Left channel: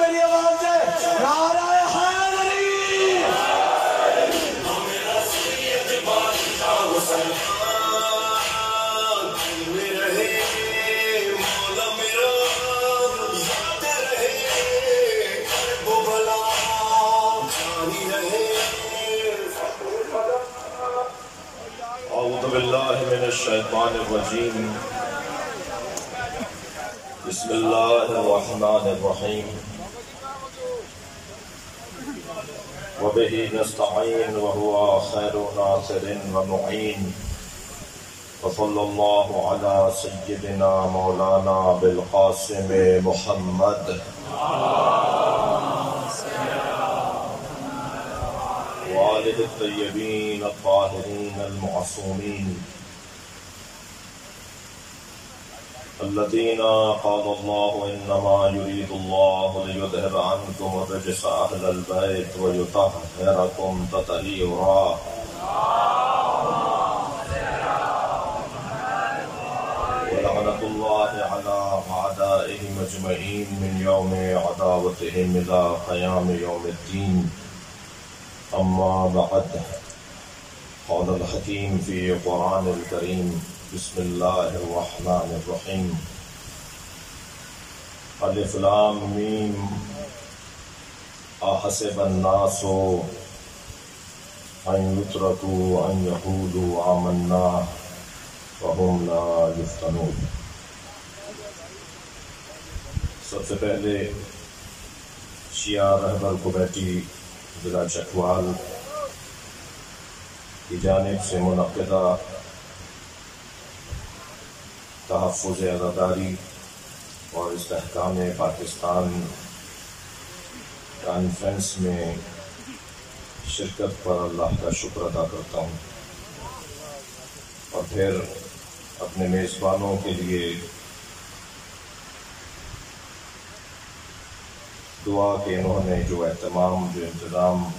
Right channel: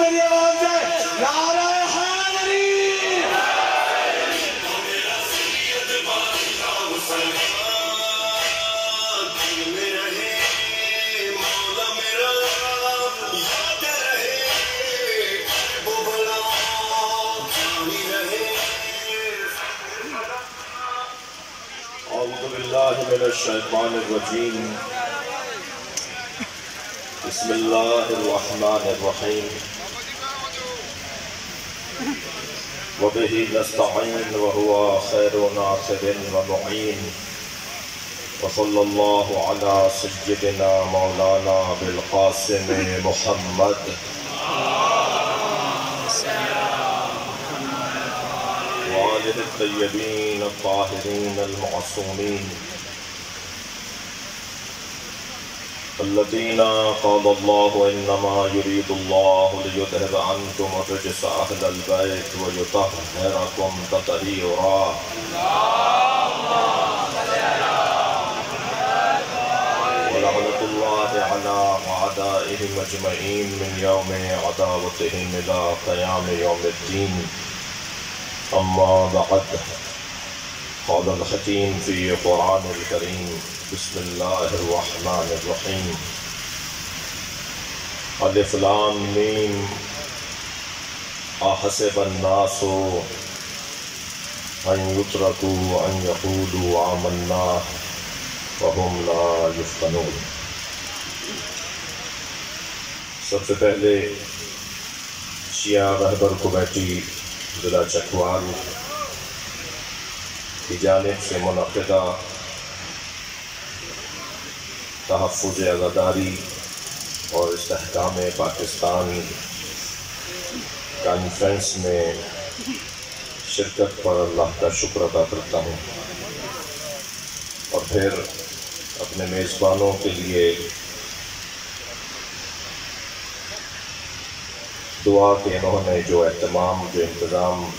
میری آواز ہے نعرہ حیدری اعوذ باللہ من الشیطان الرجیم بسم اللہ الرحمن الرحیم وبہ نستعین وہو خیر ناصر ومعین وصلی اللہ علی سیدنا مولانا بالقاسم محمد وآلہ الطیبین الطاہرین المعصومین الذین قال اللہ انما یرید اللہ لیذہب عنکم الرجس اہل البیت ویطہرکم تطہیرا ولعنۃ اللہ علی اعدائہم اجمعین من یوم عداوتہم الی قیام یوم الدین اما بعد قال الحکیم فی قرآن الکریم بسم اللہ الرحمن الرحیم الف لام میم احسب الناس ان یترکوا ان یقولوا آمنا وهم لا یفتنون۔ سب سے پہلے شیعہ رہبر کمیٹی ضلع چکوال کی جانب سے منعقدہ تحفظ عزاداری اور استحکام پاکستان کانفرنس میں شرکت پر اللہ کا شکر ادا کرتا ہوں، اور پھر اپنے میزبانوں کے لیے دعا کہ انہوں نے جو اہتمام، جو انتظام،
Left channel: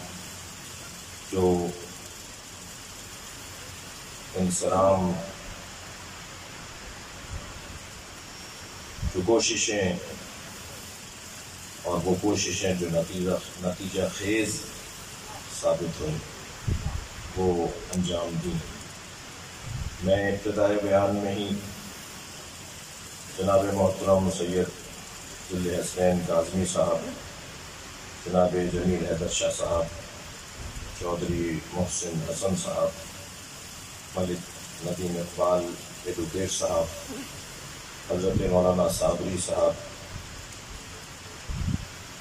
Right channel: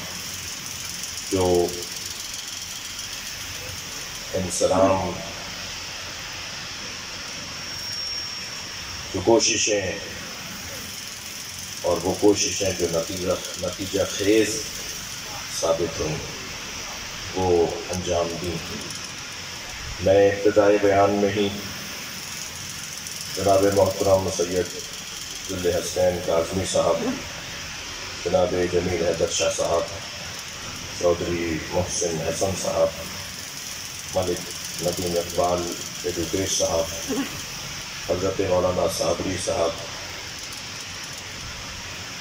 جو انصرام، جو کوششیں اور وہ کوششیں جو نتیجہ خیز ثابت ہوئیں وہ انجام دیں۔ میں ابتدائی بیان میں ہی جناب محترم سید ذل حسنین کاظمی صاحب، جناب جمیل حیدر شاہ صاحب، چودھری محسن حسن صاحب، ملک ندیم اقبال ایڈوکیٹ صاحب، حضرت مولانا صابری صاحب،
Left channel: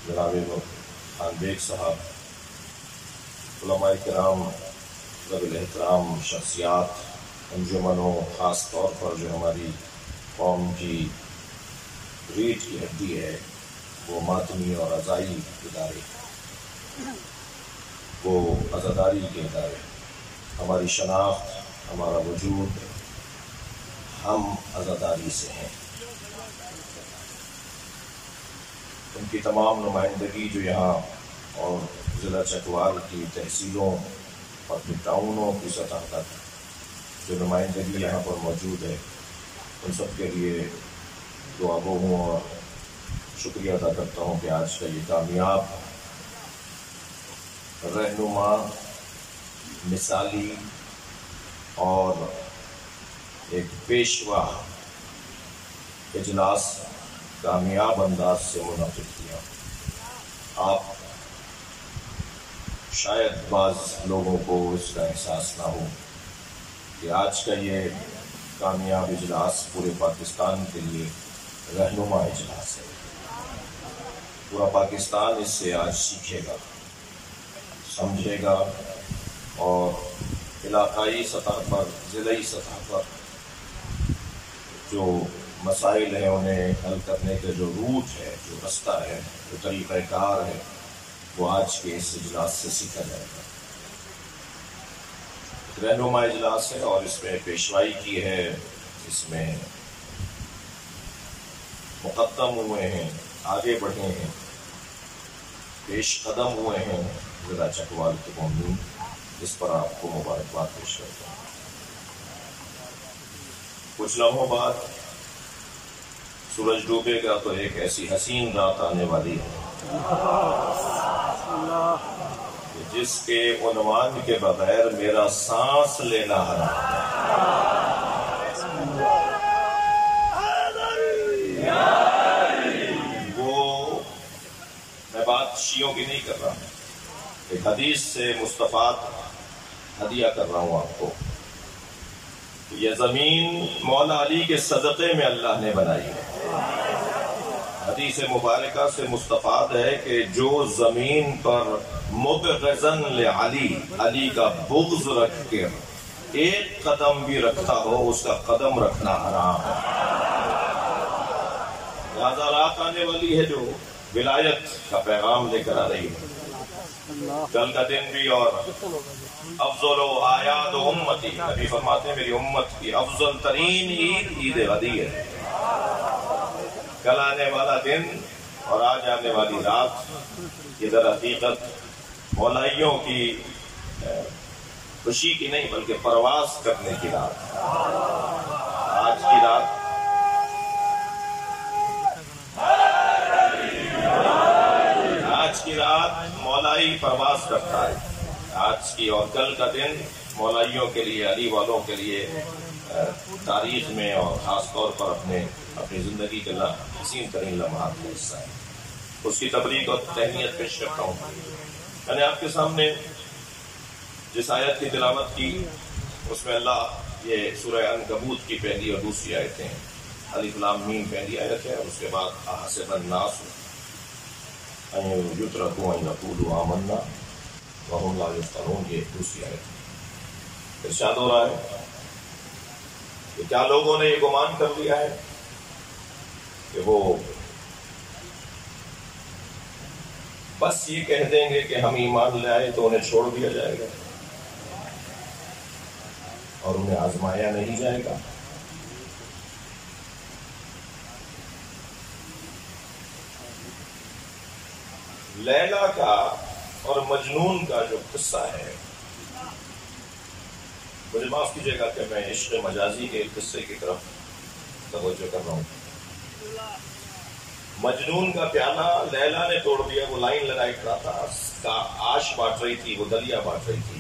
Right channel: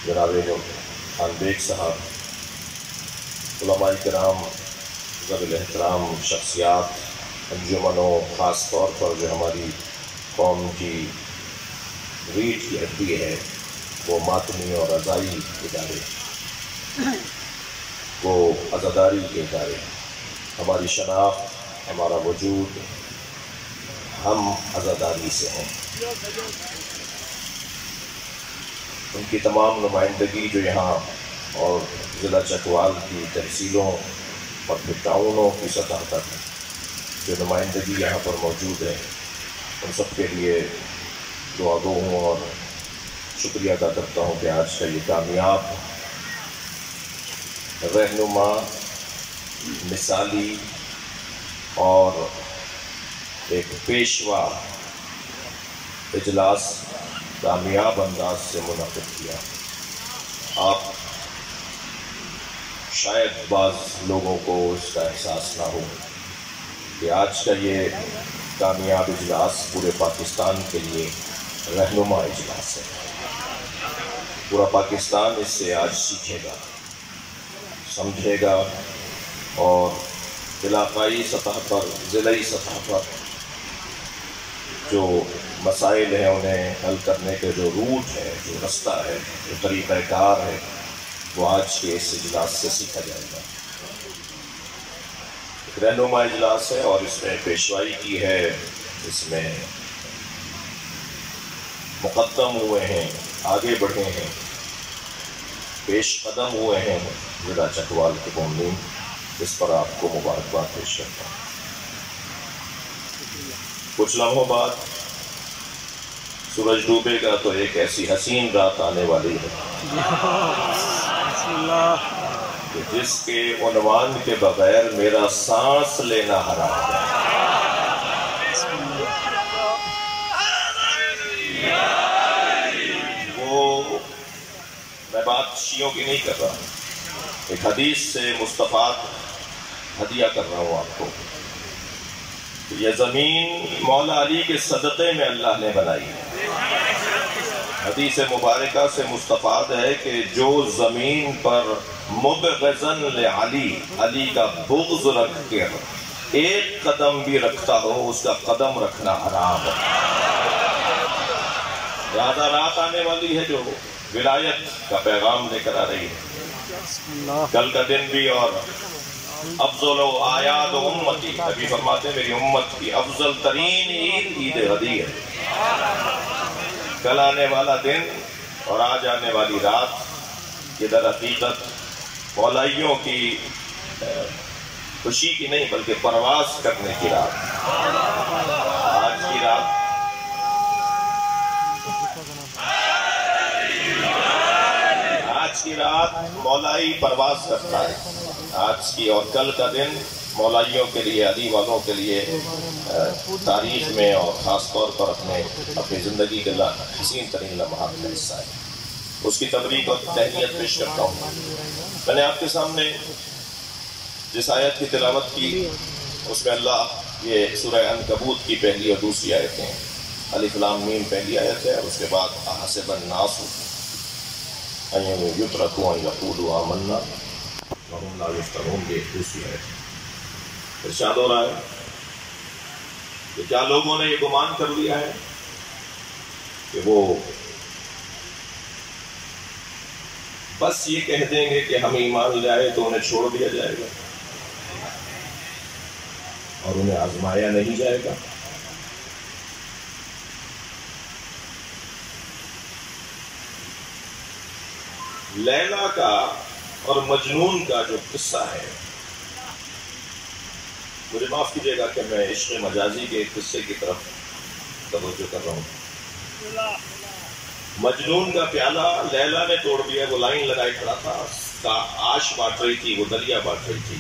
جناب خان بیگ صاحب، علماء کرام، ذوی الاحترام شخصیات، انجمنوں، خاص طور پر جو ہماری قوم کی ریڑھ کی ہڈی ہے، وہ ماتمی اور عزائی ادارے، وہ عزاداری کے ادارے، ہماری شناخت، ہمارا وجود، ہم عزاداری سے ہیں۔ ان کی تمام نمائندگی جو یہاں اور ضلع چکوال کی تحصیلوں اور پھر ٹاؤنوں کی سطح تک جو نمائندگی یہاں پر موجود ہے، ان سب کے لیے دعا گو ہوں اور شکریہ ادا کرتا ہوں کہ آج کا یہ کامیاب، رہنما، مثالی اور ایک پیشوا اجلاس کامیاب انداز سے منعقد کیا۔ آپ شاید بعض لوگوں کو اس کا احساس نہ ہو کہ آج کا یہ کامیاب اجلاس پورے پاکستان کے لیے رہنما اجلاس ہے۔ پورا پاکستان اس سے آج سیکھے گا، سمجھے گا، اور علاقائی سطح پر، ضلعی سطح پر جو مسائل ہیں انہیں حل کرنے کے جو روٹ ہے، جو رستہ ہے، جو طریقہ کار ہے، وہ آج کے اس اجلاس سے سیکھا جائے گا۔ ایک رہنما اجلاس ہے اور اس میں پیشوائی کی ہے، اس میں مقدم ہوئے ہیں، آگے بڑھے ہیں، پیش قدم ہوئے ہیں ضلع چکوال کے مومنین، اس پر آپ کو مبارکباد پیش کرتا ہوں۔ کچھ لمحوں بعد سورج ڈوبے گا تو ایک ایسی حسین رات آنے والی ہے کہ جس کے عنوان کے بغیر میرا سانس لینا حرام ہے۔ وہ میں بات شیعوں کی نہیں کر رہا ہوں، ایک حدیث سے مستفاد ہدیہ کر رہا ہوں آپ کو۔ یہ زمین مولا علی کے صدقے میں اللہ نے بنائی ہے۔ حدیث مبارکہ سے مستفاد ہے کہ جو زمین پر مبغضاً لعلی، علی کا بغض رکھ کر ایک قدم بھی رکھتا ہو اس کا قدم رکھنا حرام ہے۔ زیادہ رات آنے والی ہے جو ولایت کا پیغام لے کر آ رہی ہے، کل کا دن بھی، اور افضل و آیاد امتی، نبی فرماتے ہیں میری امت کی افضل ترین عید عید غدی ہے۔ کل آنے والا دن اور آج آنے والی رات یہ در حقیقت مولائیوں کی خوشی کی نہیں بلکہ پرواز کرنے کی رات۔ آج کی رات مولائی پرواز کرتا ہے، آج کی اور کل کا دن مولائیوں کے لیے، علی والوں کے لیے تاریخ میں اور خاص طور پر اپنی زندگی کے حسین ترین لمحات کا حصہ ہے۔ اس کی تبریک اور تہنیت پیش کرتا ہوں۔ میں نے آپ کے سامنے جس آیت کی تلاوت کی اس میں اللہ یہ سورہ عنکبوت کی پہلی اور دوسری آیتیں ہیں۔ الف لام میم پہلی آیت ہے اور اس کے بعد احسب الناس ان یترکوا ان یقولوا آمنا وہم لا یفتنون، یہ دوسری آیت ہے۔ ارشاد ہو رہا ہے کہ کیا لوگوں نے یہ گمان کر لیا ہے کہ وہ بس یہ کہہ دیں گے کہ ہم ایمان لائے تو انہیں چھوڑ دیا جائے گا اور انہیں آزمایا نہیں جائے گا؟ لیلا کا اور مجنون کا جو قصہ ہے، مجھے معاف کیجیے گا کہ میں عشق مجازی کے قصے کی طرف توجہ کر رہا ہوں۔ مجنون کا پیالہ لیلا نے توڑ دیا، وہ لائن لگائے کھڑا تھا، آش بانٹ رہی تھی، وہ دلیا بانٹ رہی تھی،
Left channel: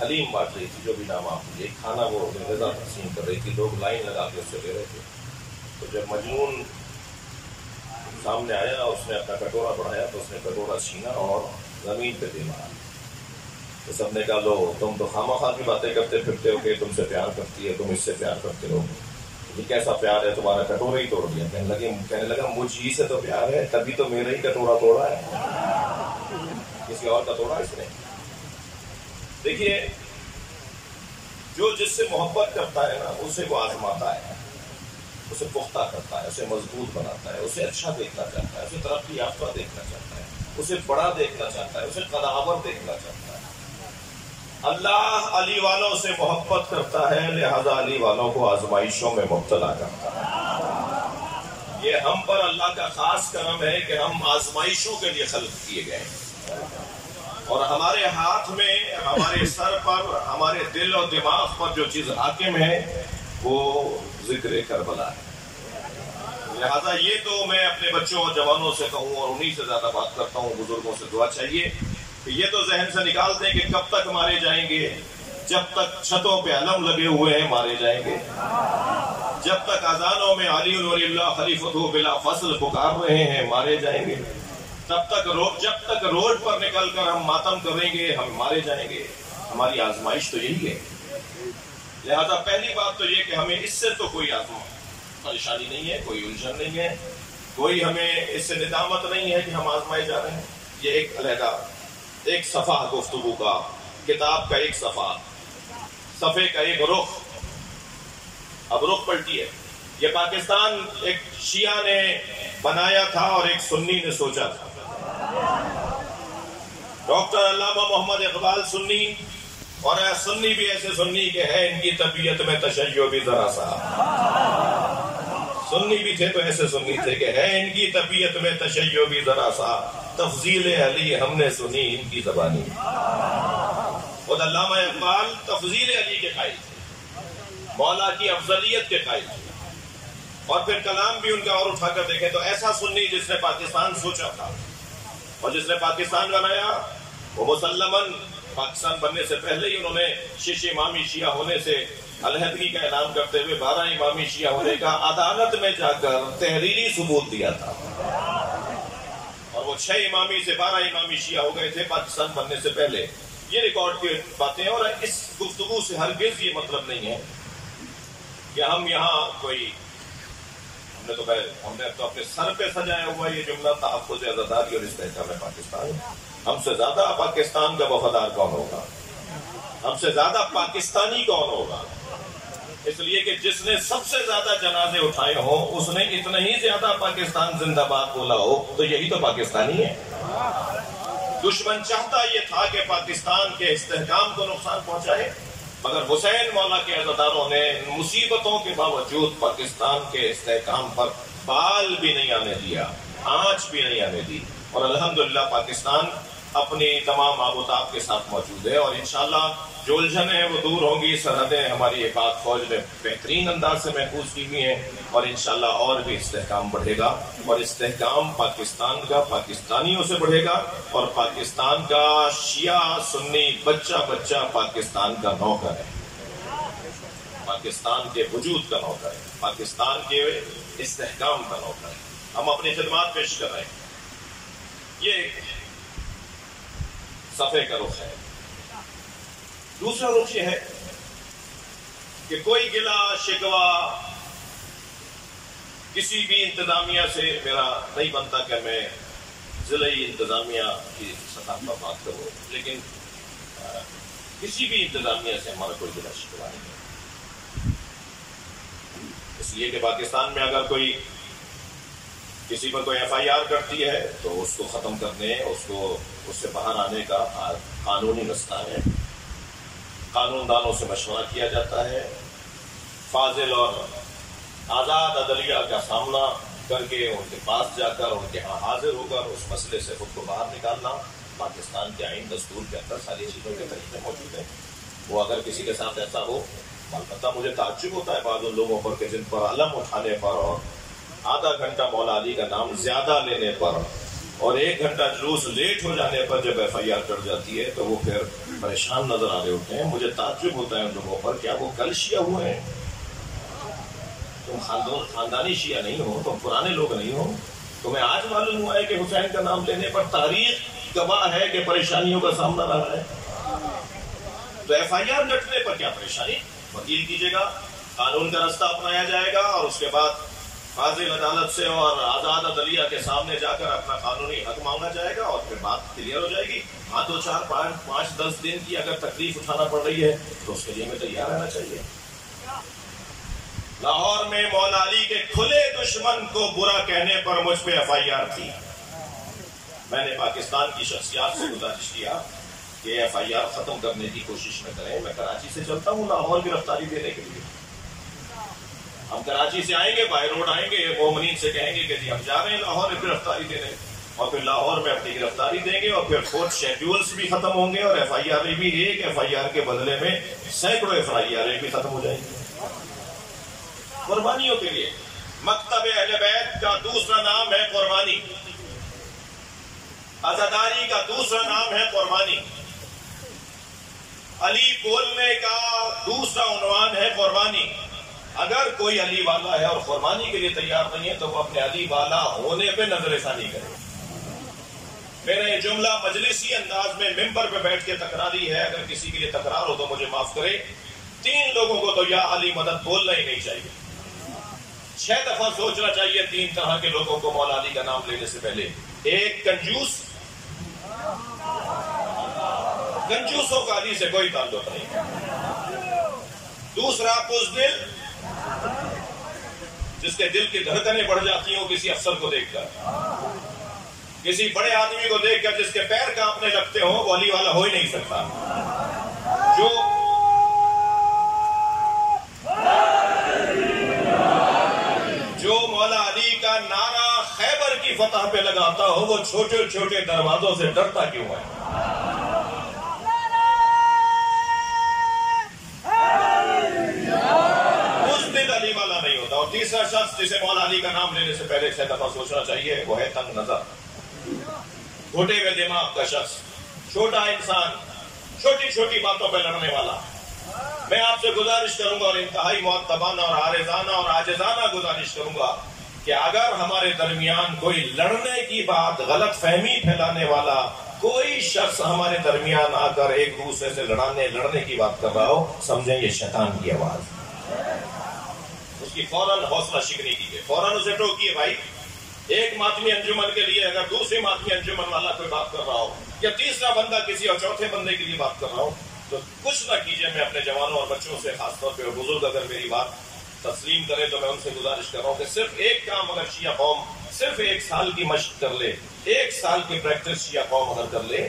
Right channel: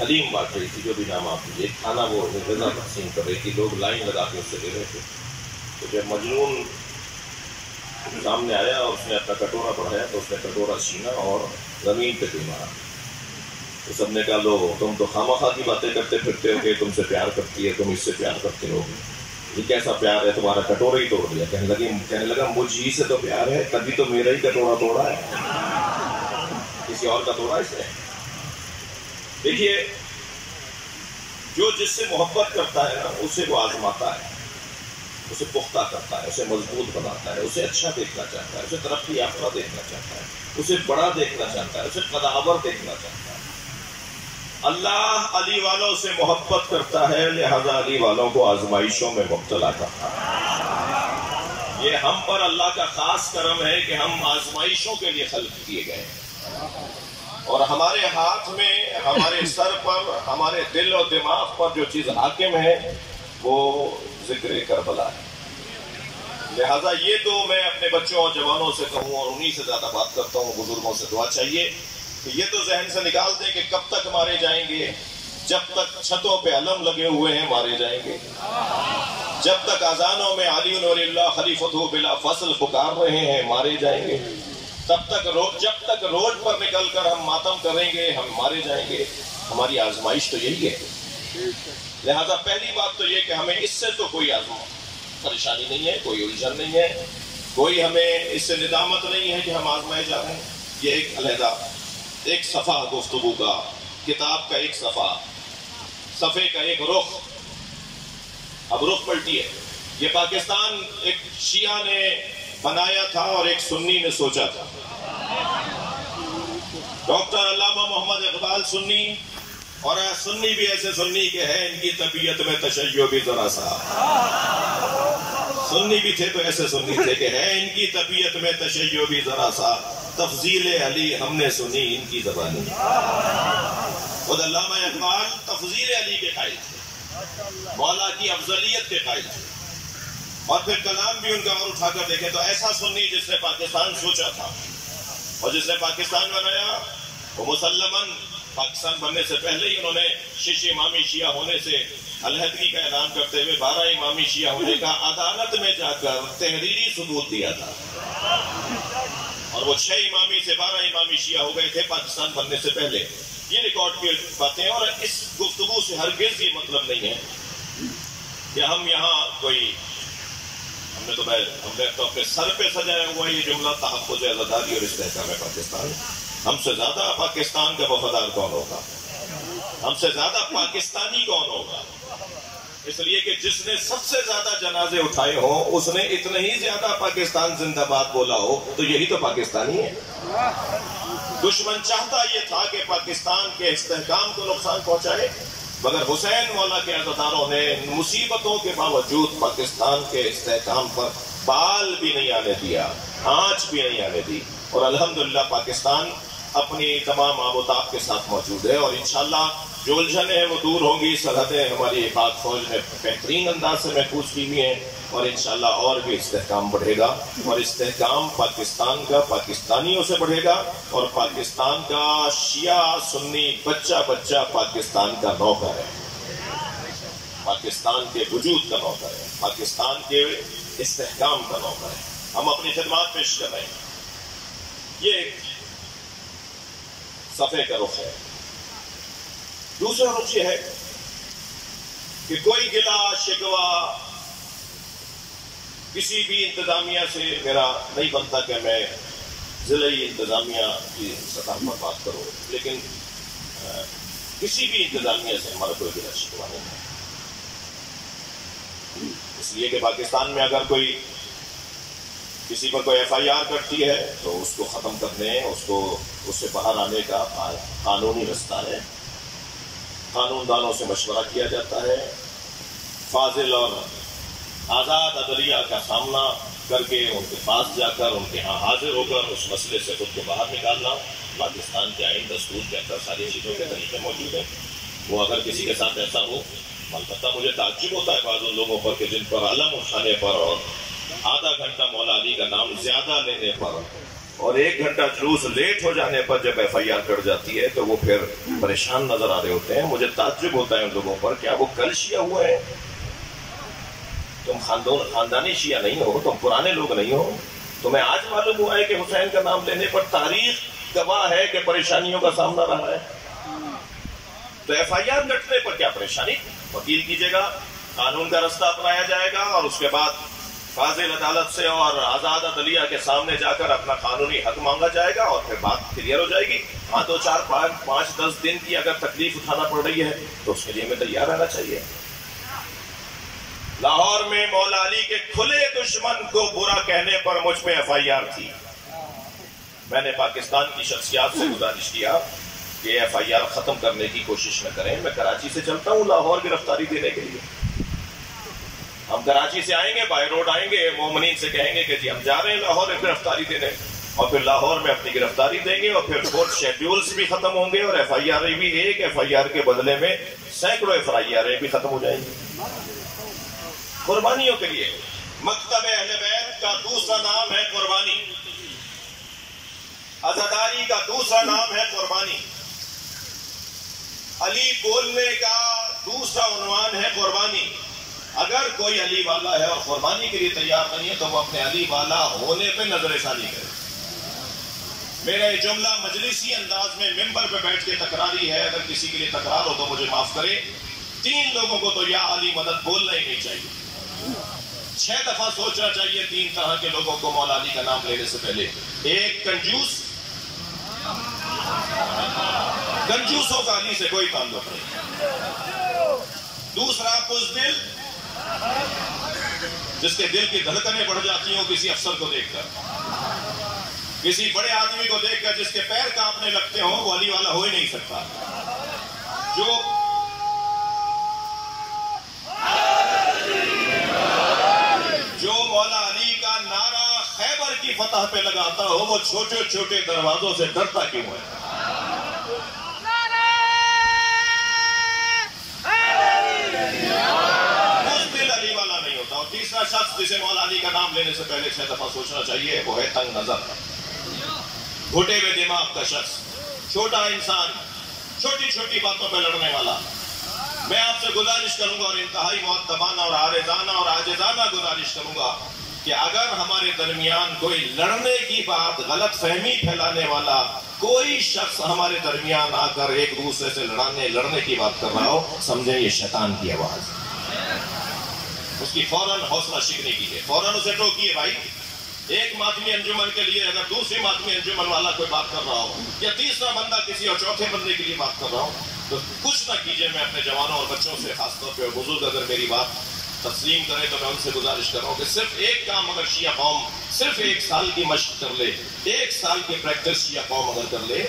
حلیم بانٹ رہی تھی، جو بھی نام آپ لیجیے، ایک کھانا وہ غذا تقسیم کر رہی تھی، لوگ لائن لگا کے اس سے لے رہے تھے۔ تو جب مجنون سامنے آیا اور اس نے اپنا کٹورا بڑھایا تو اس نے کٹورا چھینا اور زمین پہ دے مارا۔ تو سب نے کہا لو تم تو خواہ کی باتیں کرتے پھرتے ہو کہ تم سے پیار کرتی ہے، تم اس سے پیار کرتے ہو، یہ کیسا پیار ہے، تمہارا کٹورا ہی توڑ دیا۔ کہنے لگا مجھ ہی سے تو پیار ہے، تبھی تو میرا ہی کٹورا توڑا ہے، کسی اور کا توڑا اس نے۔ دیکھیے جو جس سے محبت کرتا ہے نا اسے وہ آزماتا ہے، اسے پختہ کرتا ہے، اسے مضبوط بناتا ہے، اسے اچھا دیکھنا چاہتا ہے، اسے ترقی یافتہ دیکھنا چاہتا ہے، اسے بڑا دیکھنا چاہتا ہے، اسے قداور دیکھنا چاہتا ہے۔ اللہ علی والوں سے محبت کرتا ہے، لہذا علی والوں کو آزمائشوں میں مبتلا کرتا ہے۔ یہ ہم پر اللہ کا خاص کرم ہے کہ ہم آزمائشوں کے لیے خلق کیے گئے ہیں، اور ہمارے ہاتھ میں، ہمارے سر پر، ہمارے دل اور دماغ پر جو چیز حاکم ہے وہ ذکر کربلا ہے۔ لہذا یہ تو میں اپنے بچوں اور جوانوں سے کہوں اور انہی سے زیادہ بات کرتا ہوں، بزرگوں سے دعا چاہیے کہ یہ تو ذہن سے نکال دیں کہ کب تک مارے جائیں گے، جب تک چھتوں پہ علم لگے ہوئے ہیں مارے جائیں گے، جب تک اذانوں میں علی ولی اللہ خلیفۃ بلا فصل پکار رہے ہیں مارے جائیں گے، جب تک روڈ پر نکل کر ہم ماتم کریں گے ہم مارے جائیں گے۔ ہماری آزمائش تو یہی ہے۔ لہذا پہلی بات تو یہ کہ ہمیں اس سے تو کوئی پریشانی نہیں ہے، کوئی الجھن نہیں ہے، کوئی ہمیں اس سے ندامت نہیں ہے کہ ہم آزمائے جا رہے ہیں۔ یہ ایک علیحدہ ایک صفحہ گفتگو کا، کتاب کا ایک صفحہ، صفحے کا ایک رخ۔ اب رخ پلٹی ہے۔ یہ پاکستان ایک شیعہ نے بنایا تھا اور ایک سنی نے سوچا تھا۔ ڈاکٹر علامہ محمد اقبال سنی، اور سنی بھی ایسے سنی کہ ہے ان کی طبیعت میں تشیع بھی ذرا سا، سنی بھی تھے تو ایسے سنی تھے کہ ہے ان کی طبیعت میں تشیع بھی ذرا سا، تفضیل علی ہم نے سنی ان کی زبانی۔ خود علامہ اقبال تفضیل علی کے قائل تھے، مولا کی افضلیت کے قائل تھے، اور پھر کلام بھی ان کا اور اٹھا کر دیکھیں تو ایسا سنی جس نے پاکستان سوچا تھا اور جس نے پاکستان بنایا، وہ مسلماً پاکستان بننے سے پہلے ہی انہوں نے 6 امامی شیعہ ہونے سے علیحدگی کا اعلان کرتے ہوئے 12 امامی شیعہ ہونے کا عدالت میں جا کر تحریری ثبوت دیا تھا، اور وہ 6 امامی سے 12 امامی شیعہ ہو گئے تھے پاکستان بننے سے پہلے۔ یہ ریکارڈ کی باتیں، اور اس گفتگو سے ہرگز یہ مطلب نہیں ہے کہ ہم یہاں کوئی ہم نے تو اپنے سر پہ سجایا ہوا یہ جملہ تحفظ آزاداری اور استحکام پاکستان۔ ہم سے زیادہ پاکستان کا وفادار کون ہوگا؟ ہم سے زیادہ پاکستانی کون ہوگا؟ اس لیے کہ جس نے سب سے زیادہ جنازے اٹھائے ہوں، اس نے اتنے ہی زیادہ پاکستان زندہ باد بولا ہو، تو یہی تو پاکستانی ہے۔ دشمن چاہتا یہ تھا کہ پاکستان کے استحکام کو نقصان پہنچائے، مگر حسین مولا کے عزاداروں نے مصیبتوں کے باوجود پاکستان کے استحکام پر بال بھی نہیں آنے دیا، آنچ بھی نہیں آنے دی، اور الحمدللہ پاکستان اپنی تمام آب و تاب کے ساتھ موجود ہے، اور انشاءاللہ جو الجھنیں وہ دور ہوں گی۔ سرحدیں ہماری پاک فوج نے بہترین انداز سے محفوظ کی ہوئی ہیں، اور انشاءاللہ اور بھی استحکام بڑھے گا، اور استحکام پاکستان کا پاکستانیوں سے بڑھے گا، اور پاکستان کا شیعہ سنی بچہ بچہ پاکستان کا نوکر ہے، پاکستان کے وجود کا نوکر ہے، پاکستان کے استحکام کا نوکر ہے۔ ہم اپنی خدمات پیش کر رہے ہیں۔ یہ ایک صفحے کا رخ ہے۔ دوسرا رخ یہ ہے کہ کوئی گلہ شکوہ کسی بھی انتظامیہ سے میرا نہیں بنتا کہ میں ضلعی انتظامیہ کی سطح پر بات کروں، لیکن کسی بھی انتظامیہ سے ہمارا کوئی گلہ شکوہ نہیں ہے، اس لیے کہ پاکستان میں اگر کوئی کسی پر کوئی FIR کرتی ہے تو اس کو ختم کرنے، اس سے باہر آنے کا قانونی رستہ ہے، قانون دانوں سے مشورہ کیا جاتا ہے، فاضل اور آزاد عدلیہ کا سامنا کر کے ان کے پاس جا کر ان کے ہاں حاضر ہو کر اس مسئلے سے خود کو باہر نکالنا۔ پاکستان کے آئین دستور کے اندر ساری چیزوں کے طریقے موجود ہیں۔ وہ اگر کسی کے ساتھ ایسا ہو، البتہ مجھے تعجب ہوتا ہے بعض ان لوگوں پر کہ جن پر علم اٹھانے پر اور آدھا گھنٹہ مولا علی کا نام زیادہ لینے پر اور 1 گھنٹہ جلوس لیٹ ہو جانے پر جب FIR کر جاتی ہے تو وہ پھر پریشان نظر آ رہے ہوتے ہیں۔ مجھے تعجب ہوتا ہے ان لوگوں پر، کیا وہ کل شیعہ ہوئے ہیں؟ تم خاندانی شیعہ نہیں ہو، تم پرانے لوگ نہیں ہو؟ تمہیں آج معلوم ہوا ہے کہ حسین کا نام لینے پر تاریخ گواہ ہے کہ پریشانیوں کا سامنا رہا ہے؟ تو FIR لٹنے پر کیا پریشانی؟ وکیل کیجیے گا، قانون کا رستہ اپنایا جائے گا، اور اس کے بعد فاضل عدالت سے اور آزاد عدلیہ کے سامنے جا کر اپنا قانونی حق مانگا جائے گا، اور پھر بات کلیئر ہو جائے گی۔ ہاں 2 4 5 10 دن کی اگر تکلیف اٹھانا پڑ رہی ہے تو اس کے لیے ہمیں تیار رہنا چاہیے۔ لاہور میں مولا علی کے کھلے دشمن کو برا کہنے پر مجھ پہ FIR تھی۔ میں نے پاکستان کی شخصیات سے گزارش کیا کہ FIR ختم کرنے کی کوشش نہ کریں۔ میں کراچی سے چلتا ہوں لاہور گرفتاری دینے کے لیے۔ ہم کراچی سے آئیں گے، بائی روڈ آئیں گے، مومنین سے کہیں گے کہ جی ہم جا رہے ہیں لاہور گرفتاری دینے، اور پھر لاہور میں اپنی گرفتاری دیں گے، اور پھر کورٹ شیڈیولز بھی ختم ہوں گے، اور FIR بھی ایک FIR کے بدلے میں سینکڑوں FIR بھی ختم ہو جائیں گی قربانیوں کے لیے۔ مکتب اہل بیت کا دوسرا نام ہے قربانی، عزاداری کا دوسرا نام ہے قربانی، علی بولنے کا دوسرا عنوان ہے قربانی۔ اگر کوئی علی والا ہے اور قربانی کے لیے تیار نہیں ہے تو وہ اپنے علی والا ہونے پہ نظر ثانی کرے۔ میرا یہ جملہ مجلسی انداز میں ممبر پہ بیٹھ کے تکراری ہے، اگر کسی کے لیے تکرار ہو تو مجھے معاف کرے۔ 3 لوگوں کو تو یا علی مدد بولنا ہی نہیں چاہیے، 6 دفعہ سوچنا چاہیے 3 طرح کے لوگوں کو مولا علی کا نام لینے سے پہلے۔ ایک کنجوس، کنجوسوں کا علی سے کوئی تعلق نہیں۔ دوسرا بزدل، جس کے دل کی دھڑکنیں بڑھ جاتی ہوں کسی افسر کو دیکھ کر، کسی بڑے آدمی کو دیکھ کر جس کے پیر کانپنے لگتے ہوں، وہ علی والا ہو ہی نہیں سکتا۔ جو مولا علی کا نعرہ خیبر کی فتح پہ لگاتا ہو، وہ چھوٹے چھوٹے دروازوں سے ڈرتا کیوں ہے؟ تیسرا شخص جسے مولا علی کا نام لینے سے پہلے 6 دفعہ سوچنا چاہیے وہ ہے تنگ نظر، گھٹے ہوئے دماغ کا شخص، چھوٹا انسان، چھوٹی چھوٹی باتوں پہ لڑنے والا۔ میں آپ سے گزارش کروں گا اور انتہائی مؤدبانہ اور عارضانہ اور عاجزانہ گزارش کروں گا کہ اگر ہمارے درمیان کوئی لڑنے کی بات، غلط فہمی پھیلانے والا کوئی شخص ہمارے درمیان آ کر ایک دوسرے سے لڑنے کی بات کر رہا ہو، سمجھیں یہ شیطان کی آواز۔ اس کی فوراً حوصلہ شکنی کیجیے، فوراً اسے ٹوکیے۔ بھائی ایک ماتمی انجمن کے لیے اگر دوسری ماتمی انجمن والا کوئی بات کر رہا ہو یا تیسرا بندہ کسی اور چوتھے بندے کے لیے بات کر رہا ہو تو کچھ نہ کیجیے۔ میں اپنے جوانوں اور بچوں سے خاص طور پہ بزرگ اگر میری بات تسلیم کرے تو میں ان سے گزارش کر رہا ہوں کہ صرف ایک کام اگر شیعہ قوم صرف 1 سال کی مشق کر لے، 1 سال کی پریکٹس شیعہ قوم اگر کر لے،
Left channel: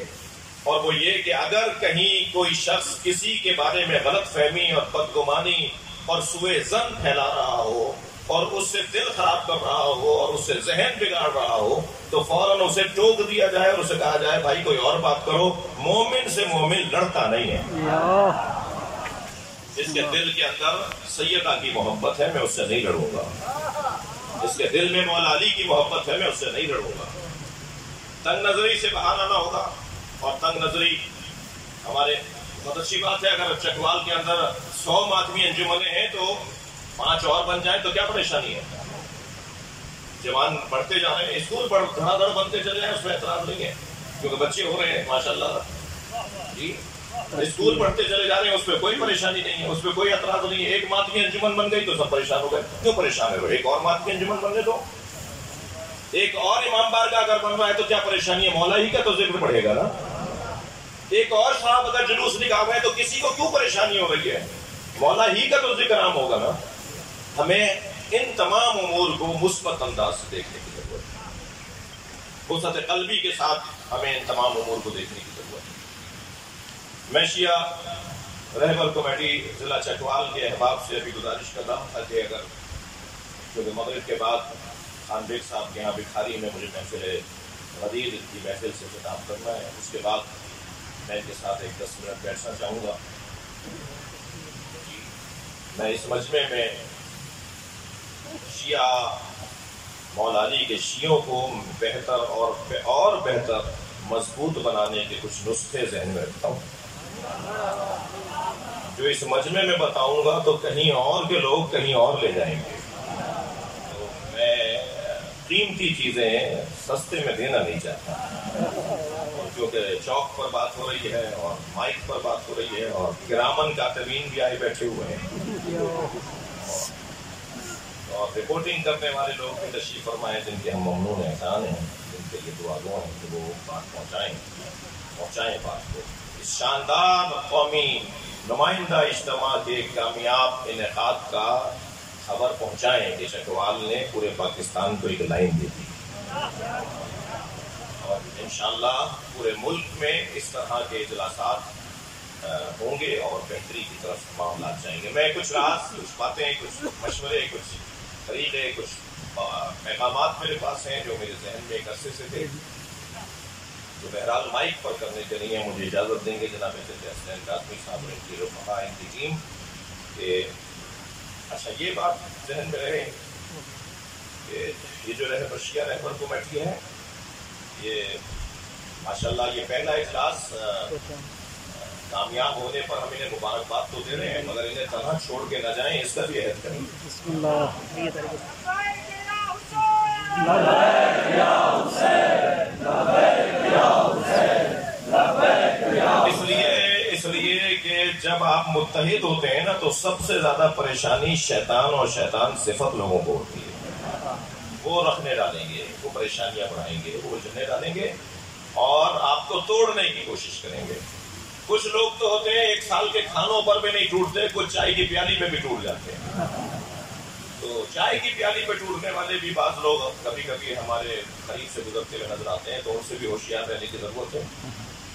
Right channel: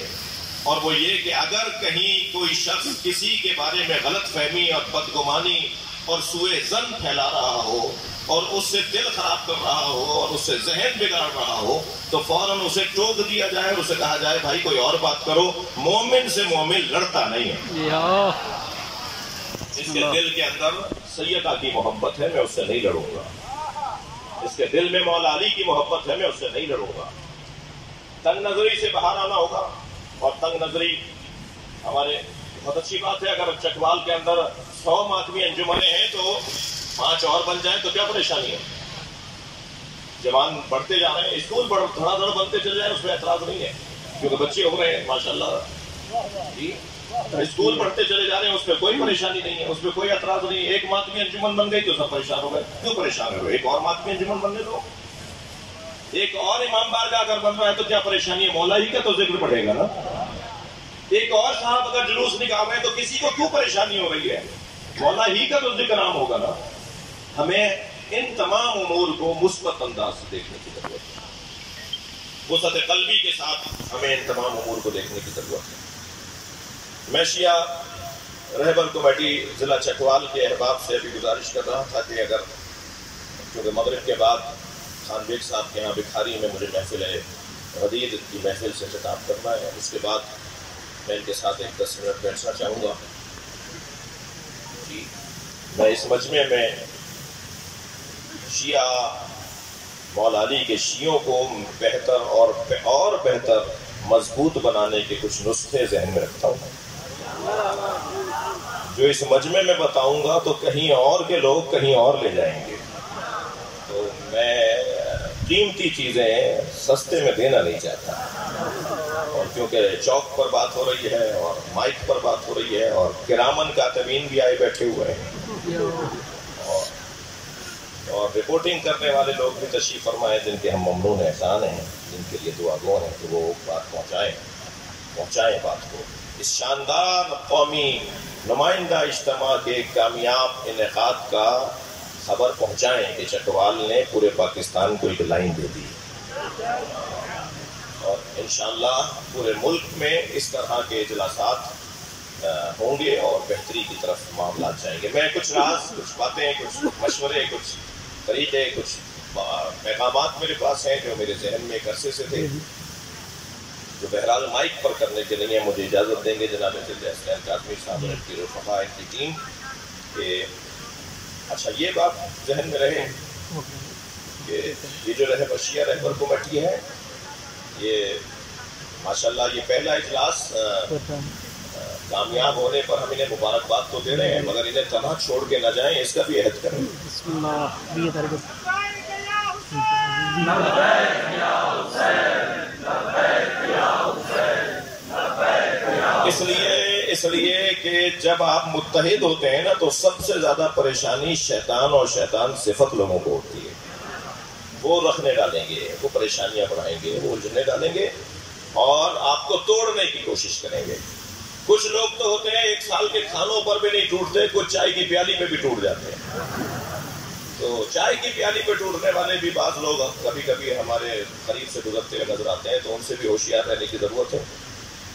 اور وہ یہ کہ اگر کہیں کوئی شخص کسی کے بارے میں غلط فہمی اور بدگمانی اور سوء ظن پھیلا رہا ہو اور اس سے دل خراب کر رہا ہو اور اس سے ذہن بگاڑ رہا ہو تو فوراً اسے ٹوک دیا جائے اور اسے کہا جائے بھائی کوئی اور بات کرو، مومن سے مومن لڑتا نہیں ہے۔ جس کے دل کے اندر سیدہ کی محبت ہے میں اس سے نہیں لڑوں گا، جس کے دل میں مولا علی کی محبت ہے میں اس سے نہیں لڑوں گا۔ تنگ نظری سے باہر آنا ہوگا، اور تنگ نظری ہمارے بہت اچھی بات ہے۔ اگر چکوال کے اندر 100 ماتمی انجمنیں ہیں تو 5 اور بن جائیں تو کیا پریشانی ہے؟ جوان بڑھتے جا رہے ہیں، اسکول دھڑا دھڑ بنتے چلے جائیں، اس میں اعتراض نہیں ہے کیونکہ بچے ہو رہے ہیں ماشاءاللہ جی، اسکول پڑھتے چلے جا رہے ہیں، اس پہ کوئی پریشانی نہیں ہے، اس پہ کوئی اعتراض نہیں ہے۔ ایک ماتمی انجمن بن گئی تو سب پریشان ہو گئے، کیوں پریشان ہو؟ ایک اور ماتمی انجمن بننے دو، ایک اور امام بارگاہ اگر بن رہا ہے تو کیا پریشانی ہے؟ مولا ہی کا تو ذکر پڑے گا نا۔ ایک اور صاحب اگر جلوس نکال رہے ہیں تو کسی کو کیوں پریشانی ہو رہی ہے؟ مولا ہی کا تو ذکر عام ہوگا نا۔ ہمیں ان تمام امور کو مثبت انداز سے دیکھنے کی ضرورت ہے، وسعت قلبی کے ساتھ ہمیں ان تمام امور کو دیکھنے کی ضرورت ہے۔ میں شیعہ رہبر کمیٹی ضلع چکوال کے احباب سے ابھی گزارش کر رہا تھا کہ اگر کیونکہ مغرب کے بعد خان بیگ صاحب کے یہاں بکھاری میں مجھے محفل غدیر کی محفل سے خطاب کرنا ہے، اس کے بعد میں ان کے ساتھ ایک 10 منٹ بیٹھنا چاہوں گا۔ جی میں اس مجمع میں شیعہ مولا علی کے شیعوں کو بہتر اور بہتر مضبوط بنانے کے کچھ نسخے ذہن میں رکھتا ہوں، جو اس مجمع میں بتاؤں گا تو کہیں اور کے لوگ کہیں اور لے جائیں گے، تو میں قیمتی چیزیں سستے میں دینا نہیں چاہتا، اور کیونکہ چوک پر بات ہو رہی ہے اور مائک پر بات ہو رہی ہے اور کرامن کاتبین بھی آئے بیٹھے ہوئے ہیں اور رپورٹنگ کرنے والے لوگ بھی تشریف فرمائے جن کے ہم ممنون احسان ہیں، جن کے لیے دعا گو ہیں کہ وہ بات پہنچائیں بات کو، اس شاندار قومی نمائندہ اجتماع کے کامیاب انعقاد کا خبر پہنچائیں کہ چکوال نے پورے پاکستان کو ایک لائن دے دی، اور انشاءاللہ پورے ملک میں اس طرح کے اجلاسات ہوں گے اور بہتری کی طرف معاملات جائیں گے۔ میں کچھ راز، کچھ باتیں، کچھ مشورے، کچھ طریقے، کچھ پیغامات میرے پاس ہیں جو میرے ذہن میں ایک عرصے سے تھے، جو بہرحال مائک پر کرنے کے لیے مجھے اجازت دیں گے جناب حسین کاظمی صاحب اور ان کی رفقا، ان کی ٹیم، کہ اچھا یہ بات ذہن میں رہے کہ یہ جو شیعہ رہبر کمیٹی ہے، یہ ماشاءاللہ یہ پہلا اجلاس کامیاب ہونے پر ہم انہیں مبارکباد تو دے رہے ہیں، مگر انہیں تنہا چھوڑ کے نہ جائیں، اس کا بھی عہد کریں۔ بسم اللہ۔ اس لیے کہ جب آپ متحد ہوتے ہیں نا تو سب سے زیادہ پریشانی شیطان اور شیطان صفت لوگوں کو ہوتی ہے، وہ رکھنے ڈالیں گے، وہ پریشانیاں بڑھائیں گے، وہ الجھنے ڈالیں گے اور آپ کو توڑنے کی کوشش کریں گے۔ کچھ لوگ تو ہوتے ہیں 1 سال کے کھانوں پر بھی نہیں ٹوٹتے، کچھ چائے کی پیالی پہ بھی ٹوٹ جاتے ہیں، تو چائے کی پیالی پہ ٹوٹنے والے بھی بعض لوگ کبھی کبھی ہمارے قریب سے گزرتے ہوئے نظر آتے ہیں، تو ان سے بھی ہوشیار رہنے کی ضرورت ہے۔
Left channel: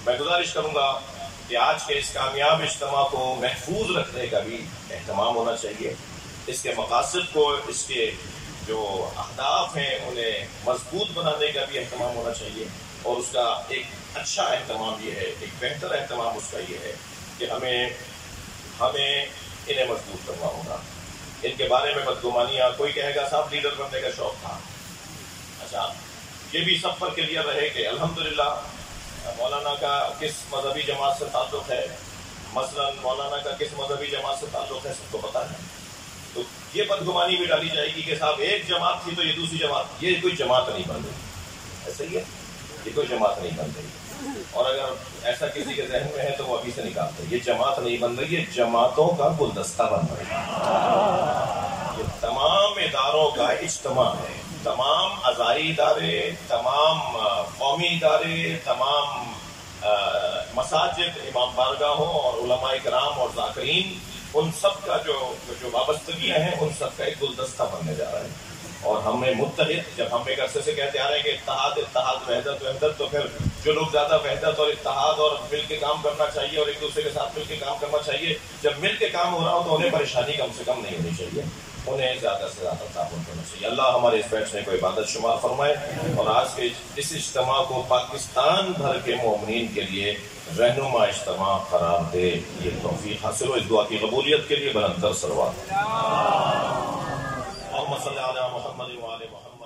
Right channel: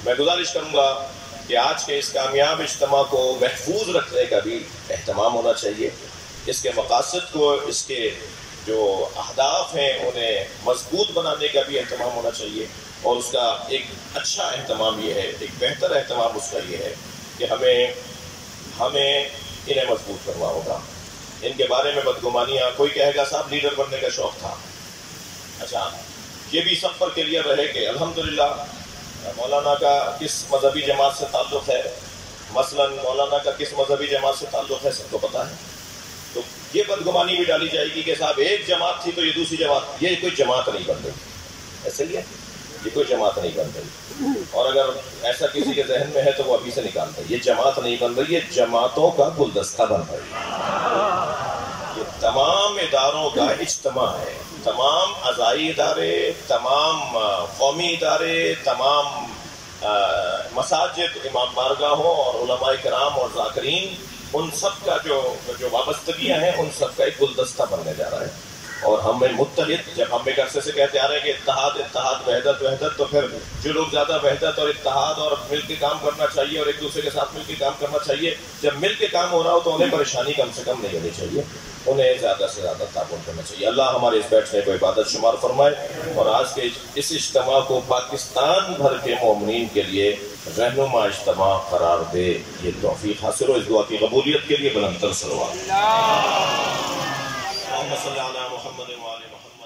میں گزارش کروں گا کہ آج کے اس کامیاب اجتماع کو محفوظ رکھنے کا بھی اہتمام ہونا چاہیے، اس کے مقاصد کو، اس کے جو اہداف ہیں انہیں مضبوط بنانے کا بھی اہتمام ہونا چاہیے، اور اس کا ایک اچھا اہتمام یہ ہے، ایک بہتر اہتمام اس کا یہ ہے کہ ہمیں انہیں مضبوط کرنا ہوگا۔ ان کے بارے میں بدگمانیاں، کوئی کہے گا صاحب لیڈر بننے کا شوق تھا. اچھا یہ بھی سب پر کلیئر رہے کہ الحمدللہ مولانا کا کس مذہبی جماعت سے تعلق ہے، مثلا مولانا کا کس مذہبی جماعت سے تعلق ہے سب کو پتہ ہے. تو یہ بدگمانی بھی ڈالی جائے گی کہ صاحب ایک جماعت تھی تو یہ دوسری جماعت، یہ کوئی جماعت نہیں بن رہی. ایسے ہی ہے، یہ کوئی جماعت نہیں بن رہی. اور اگر ایسا کسی کے ذہن میں ہے تو وہ ابھی سے نکالتا ہے. یہ جماعت نہیں بن رہی، یہ جماعتوں کا گلدستہ بن رہی ہے. یہ تمام اداروں کا اجتماع ہے. تمام عزائی ادارے، تمام قومی ادارے، تمام مساجد، امام بارگاہوں اور علماء کرام اور ذاکرین، ان سب کا جو وابستگیاں ہیں ان سب کا ایک گلدستہ بننے جا رہا ہے. اور ہمیں متحد، جب ہم ایک عرصے سے کہتے آ رہے ہیں کہ اتحاد اتحاد، وحدت وحدت، تو پھر جو لوگ زیادہ وحدت اور اتحاد اور مل کے کام کرنا چاہیے اور ایک دوسرے کے ساتھ مل کے کام کرنا چاہیے، جب مل کے کام ہو رہا ہو تو انہیں پریشانی کم سے کم نہیں ہونی چاہیے، انہیں زیادہ سے زیادہ تعاون کرنا چاہیے. اللہ ہمارے اس بیٹھنے کو عبادت شمار فرمائے اور آج کے اس اجتماع کو پاکستان بھر کے مومنین کے لیے رہنما اجتماع قرار دے. یہ توفیق حاصل ہو. اس دعا کی قبولیت کے لیے بلند تر صلوات. اللہم صلی علی محمد و آل محمد.